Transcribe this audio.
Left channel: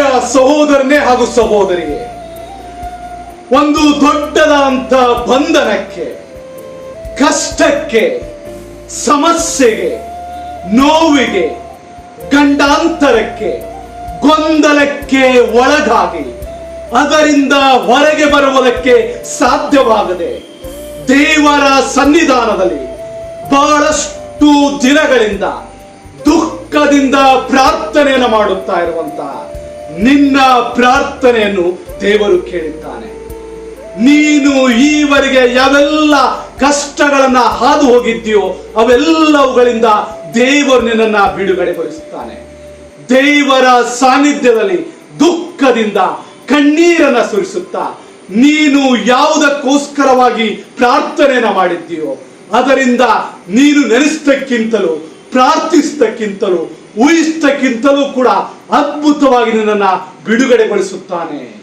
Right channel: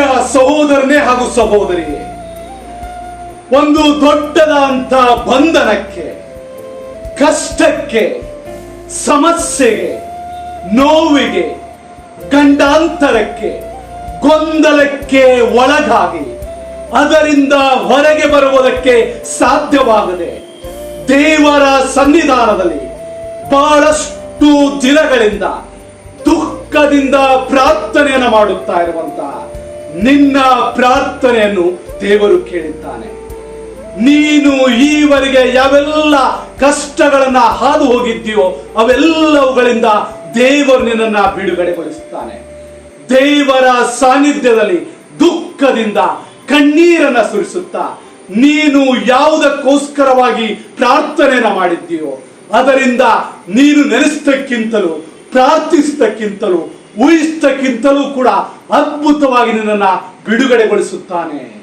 ಪ್ರಿಯ ಸಹೋದರನೇ ಹಾಗೂ ಸಹೋದರಿಯೇ, ಒಂದು ದೊಡ್ಡದಾದಂಥ ಬಂಧನಕ್ಕೆ, ಕಷ್ಟಕ್ಕೆ, ಸಮಸ್ಯೆಗೆ, ನೋವಿಗೆ, ಗಂಡಾಂತರಕ್ಕೆ, ಗೊಂದಲಕ್ಕೆ ಒಳಗಾಗಿ ಅದರಿಂದ ಹೊರಗೆ ಬರುವುದಕ್ಕೆ ಸಾಧ್ಯವಾಗದೆ ದೇವರ ಸನ್ನಿಧಾನದಲ್ಲಿ ಬಹಳಷ್ಟು ದಿನಗಳಿಂದ ದುಃಖದಿಂದ ಪ್ರಾರ್ಥನೆಯನ್ನು ಮಾಡುತ್ತಾ ಇರುವಂತಹ ನಿನ್ನ ಪ್ರಾರ್ಥನೆಯನ್ನು ದೇವರು ಕೇಳಿದ್ದಾನೆ. ನೀನು ಈವರೆಗೆ ಯಾವೆಲ್ಲ ಕಷ್ಟಗಳನ್ನ ಹಾದು ಹೋಗಿದ್ದೀಯೋ ಅವೆಲ್ಲವುಗಳಿಂದ ದೇವರು ನಿನ್ನನ್ನು ಬಿಡುಗಡೆಗೊಳಿಸುತ್ತಾನೆ. ದೇವರ ಸಾನ್ನಿಧ್ಯದಲ್ಲಿ ದುಃಖದಿಂದ ಕಣ್ಣೀರನ್ನ ಸುರಿಸುತ್ತಾ ನೀನು ಯಾವುದಕ್ಕೋಸ್ಕರವಾಗಿ ಪ್ರಾರ್ಥನೆಯನ್ನ ಮಾಡಿದ್ದೀಯೋ ಅದರಿಂದ ನೀನು ನೆನೆಸತಕ್ಕಿಂತಲೂ, ಪ್ರಾರ್ಥಿಸತಕ್ಕಿಂತಲೂ, ಊಹಿಸತಕ್ಕಿಂತಲೂ ಕೂಡ ಅದ್ಭುತವಾಗಿ ನಿನ್ನನ್ನು ಬಿಡುಗಡೆಗೊಳಿಸುತ್ತಾನೆ.